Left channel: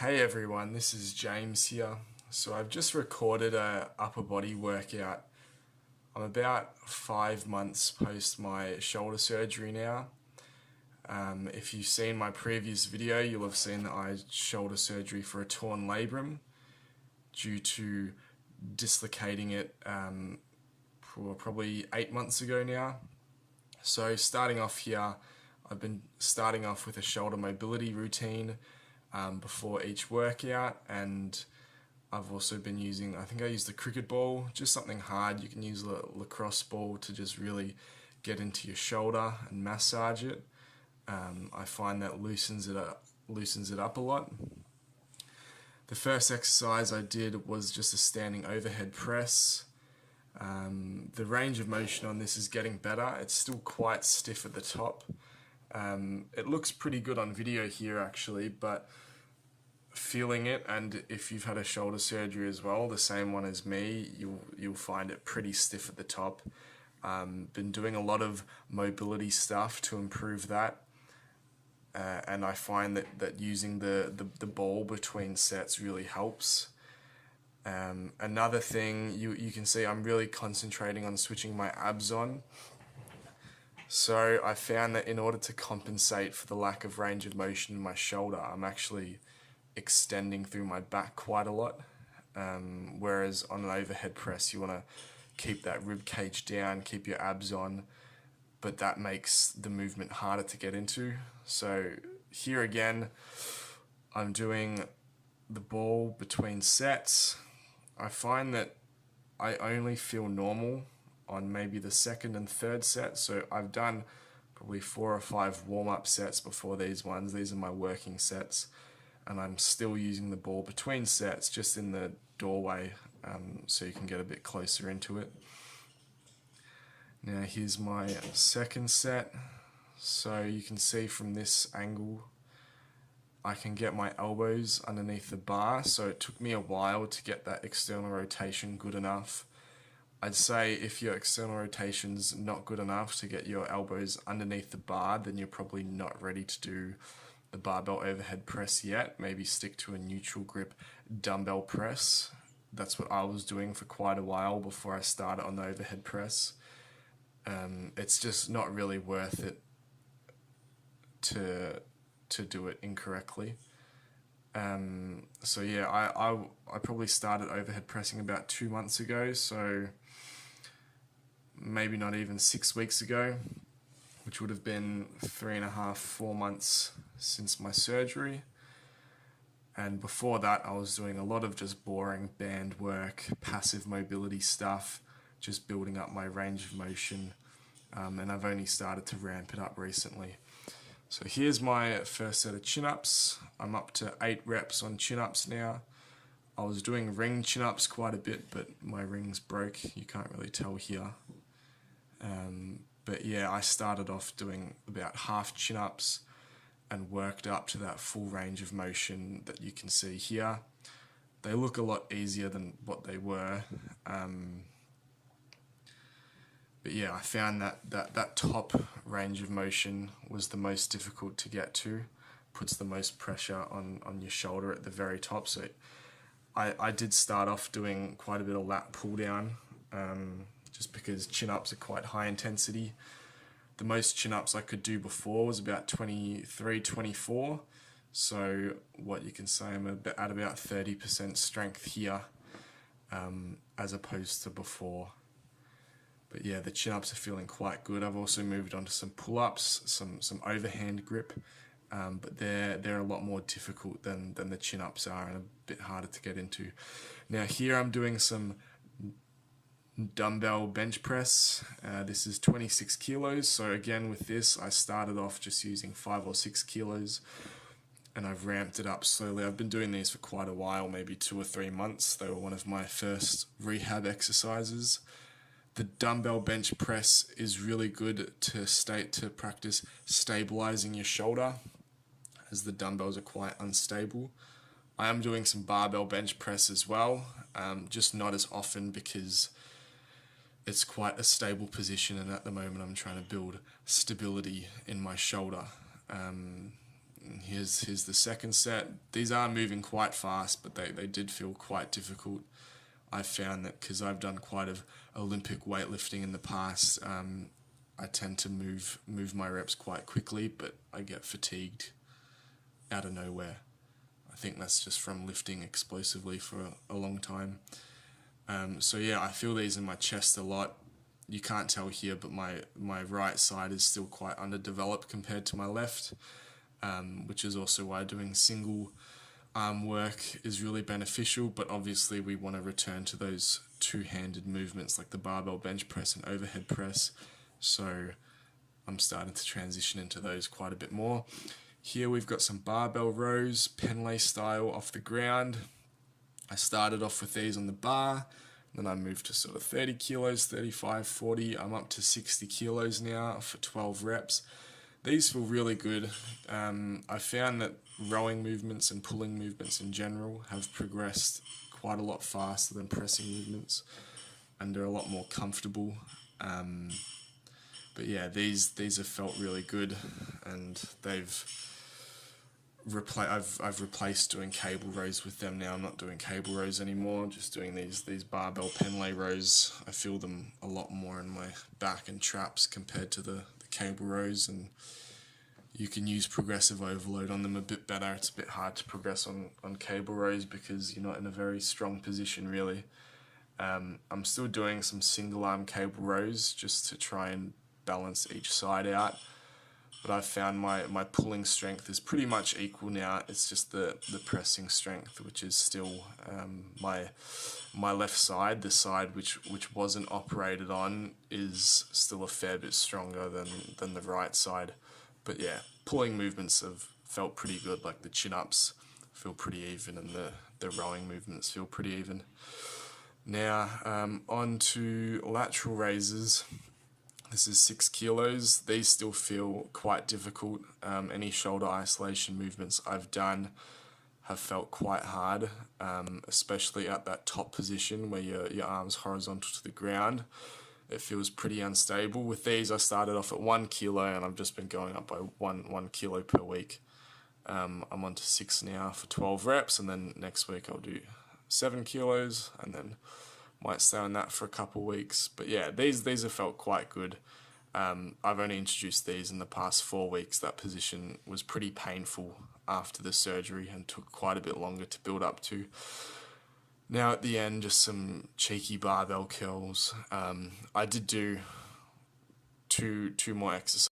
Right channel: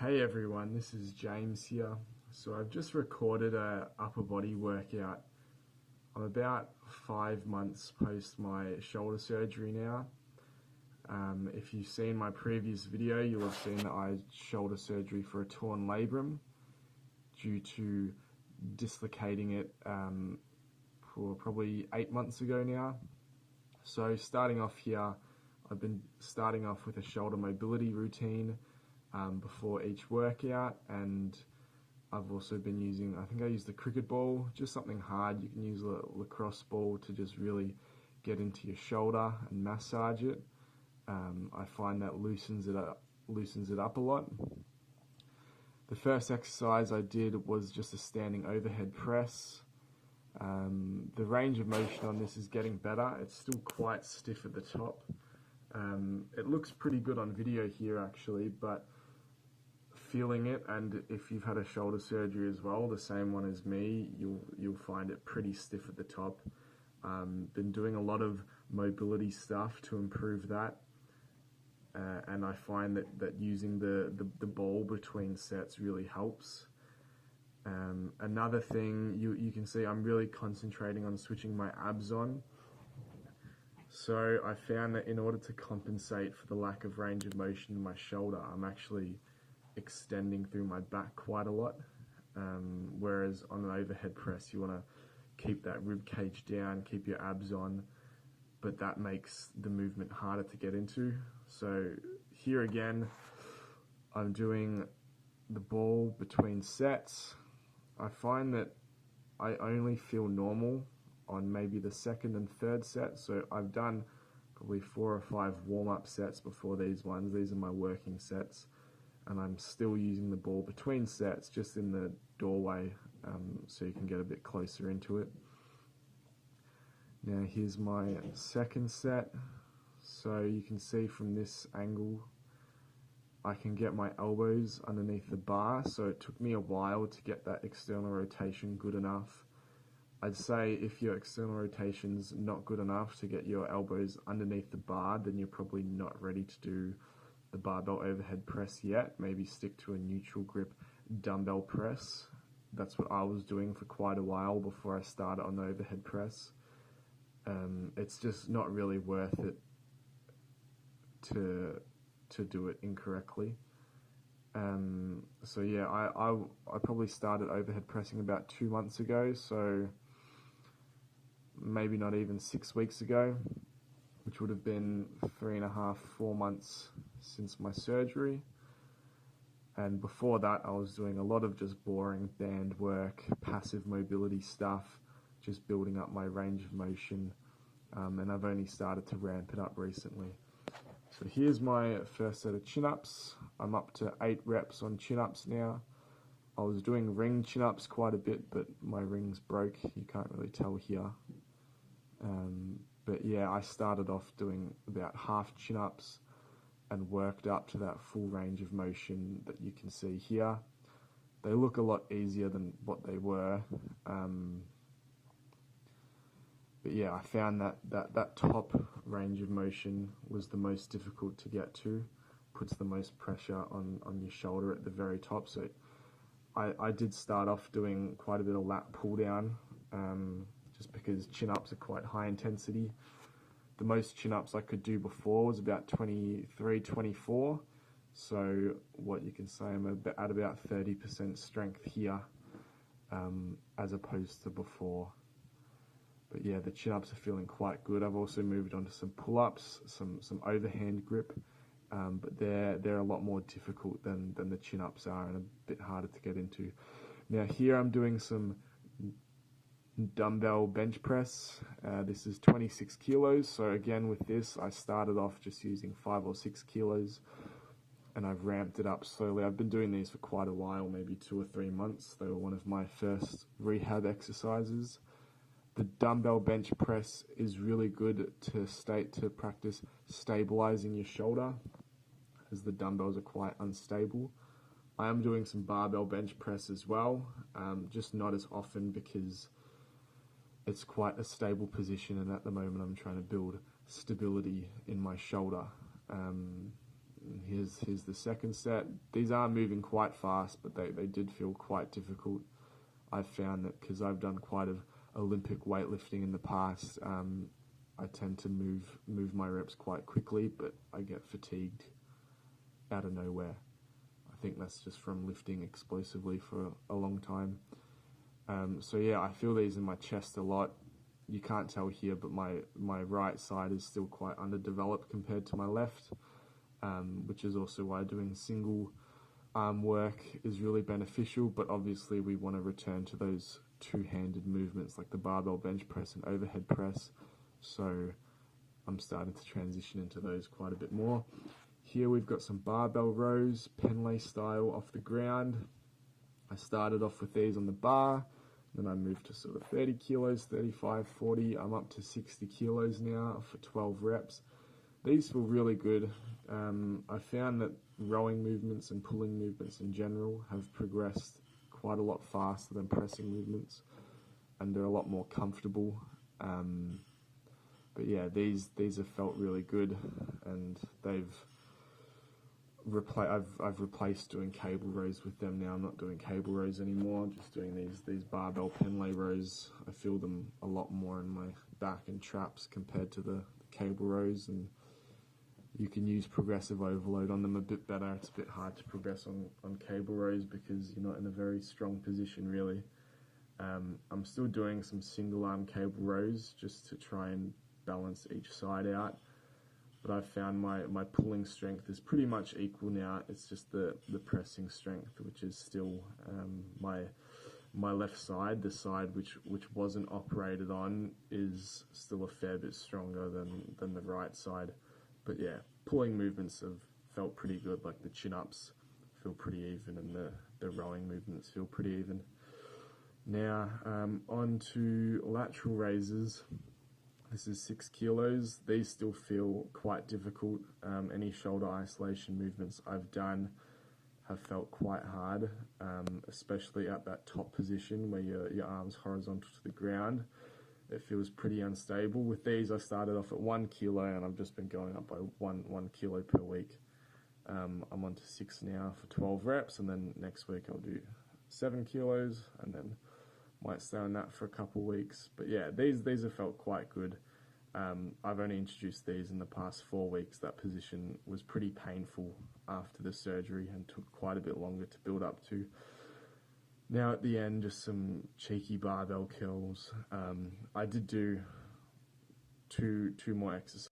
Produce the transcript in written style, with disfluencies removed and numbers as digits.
Hey everyone, this is James here. So I've just recorded a upper body workout. I'm about 5 months post my shoulder surgery now. If you've seen my previous video, you'll have seen that I had shoulder surgery for a torn labrum due to dislocating it for probably 8 months ago now. So starting off here, I've been starting off with a shoulder mobility routine before each workout, and I've also been using, I think I used the cricket ball, just something hard. You can use a lacrosse ball to just really get into your shoulder and massage it. I find that loosens it up a lot. The first exercise I did was just a standing overhead press. The range of motion on this is getting better. It's still quite stiff at the top. It looks pretty good on video here actually, but feeling it, and if you've had a shoulder surgery as well, the same one as me, you'll find it pretty stiff at the top. Been doing a lot of mobility stuff to improve that, and I find that using the ball between sets really helps. Another thing, you can see I'm really concentrating on switching my abs on. So I found that in order to compensate for the lack of range of motion in my shoulder, I'm actually extending through my back quite a lot. Whereas on an overhead press, you want to keep that rib cage down, keep your abs on, but that makes the movement harder to get into. So here again, I'm doing the ball between sets. I find that I only feel normal on maybe the second and third set. So I've done probably 4 or 5 warm-up sets before these ones. These are my working sets, and I'm still using the ball between sets just in the doorway, so you can get a bit closer into it. Now here's my second set. So you can see from this angle I can get my elbows underneath the bar, so it took me a while to get that external rotation good enough. I'd say if your external rotation's not good enough to get your elbows underneath the bar, then you're probably not ready to do the barbell overhead press yet. Maybe stick to a neutral grip dumbbell press. That's what I was doing for quite a while before I started on the overhead press. It's just not really worth it to do it incorrectly. So yeah, I probably started overhead pressing about 2 months ago, so maybe not even 6 weeks ago, which would have been 3.5, 4 months since my surgery. And before that, I was doing a lot of just boring band work, passive mobility stuff, just building up my range of motion, and I've only started to ramp it up recently. So here's my first set of chin-ups. I'm up to 8 reps on chin-ups now. I was doing ring chin-ups quite a bit, but my rings broke. You can't really tell here. But yeah, I started off doing about half chin-ups and worked up to that full range of motion that you can see here. They look a lot easier than what they were. But yeah, I found that top range of motion was the most difficult to get to. Puts the most pressure on your shoulder at the very top. So I did start off doing quite a bit of lat pull down, just because chin-ups are quite high intensity. The most chin-ups I could do before was about 23, 24. So what you can say, I'm at about 30% strength here, as opposed to before. But yeah, the chin-ups are feeling quite good. I've also moved on to some pull-ups, some overhand grip, but they're a lot more difficult than the chin-ups are, and a bit harder to get into. Now here I'm doing some dumbbell bench press. This is 26 kilos. So again, with this, I started off just using 5 or 6 kilos, and I've ramped it up slowly. I've been doing these for quite a while, maybe 2 or 3 months. They were one of my first rehab exercises. The dumbbell bench press is really good to practice stabilizing your shoulder, as the dumbbells are quite unstable. I am doing some barbell bench press as well, just not as often because it's quite a stable position, and at the moment I'm trying to build stability in my shoulder. Here's the second set. These are moving quite fast, but they did feel quite difficult. I found that because I've done quite of Olympic weightlifting in the past, I tend to move my reps quite quickly, but I get fatigued out of nowhere. I think that's just from lifting explosively for a long time. So yeah, I feel these in my chest a lot. You can't tell here, but my right side is still quite underdeveloped compared to my left, which is also why doing single arm work is really beneficial. But obviously we want to return to those two-handed movements like the barbell bench press and overhead press. So I'm starting to transition into those quite a bit more. Here we've got some barbell rows, Penlay style off the ground. I started off with these on the bar, then I moved to sort of 30 kilos, 35, 40. I'm up to 60 kilos now for 12 reps. These feel really good. I found that rowing movements and pulling movements in general have progressed quite a lot faster than pressing movements, and they're a lot more comfortable. But yeah, these have felt really good, and I've replaced doing cable rows with them now. I'm not doing cable rows anymore. I'm just doing these barbell Penlay rows. I feel them a lot more in my back and traps compared to the cable rows, and you can use progressive overload on them a bit better. It's a bit hard to progress on cable rows because you're not in a very strong position really. I'm still doing some single arm cable rows just to try and balance each side out, but I've found my pulling strength is pretty much equal now. It's just the pressing strength, which is still my left side, the side which wasn't operated on, is still a fair bit stronger than the right side. But yeah, pulling movements have felt pretty good, like the chin-ups feel pretty even and the rowing movements feel pretty even. Now on to lateral raises. This is 6 kilos. These still feel quite difficult. Any shoulder isolation movements I've done have felt quite hard, especially at that top position where your arm's horizontal to the ground. It feels pretty unstable. With these, I started off at 1 kilo and I've just been going up by one kilo per week. I'm on to 6 now for 12 reps, and then next week I'll do 7 kilos and then might stay on that for a couple of weeks. But yeah, these have felt quite good. I've only introduced these in the past 4 weeks. That position was pretty painful after the surgery and took quite a bit longer to build up to. Now at the end, just some cheeky barbell curls. I did do two more exercises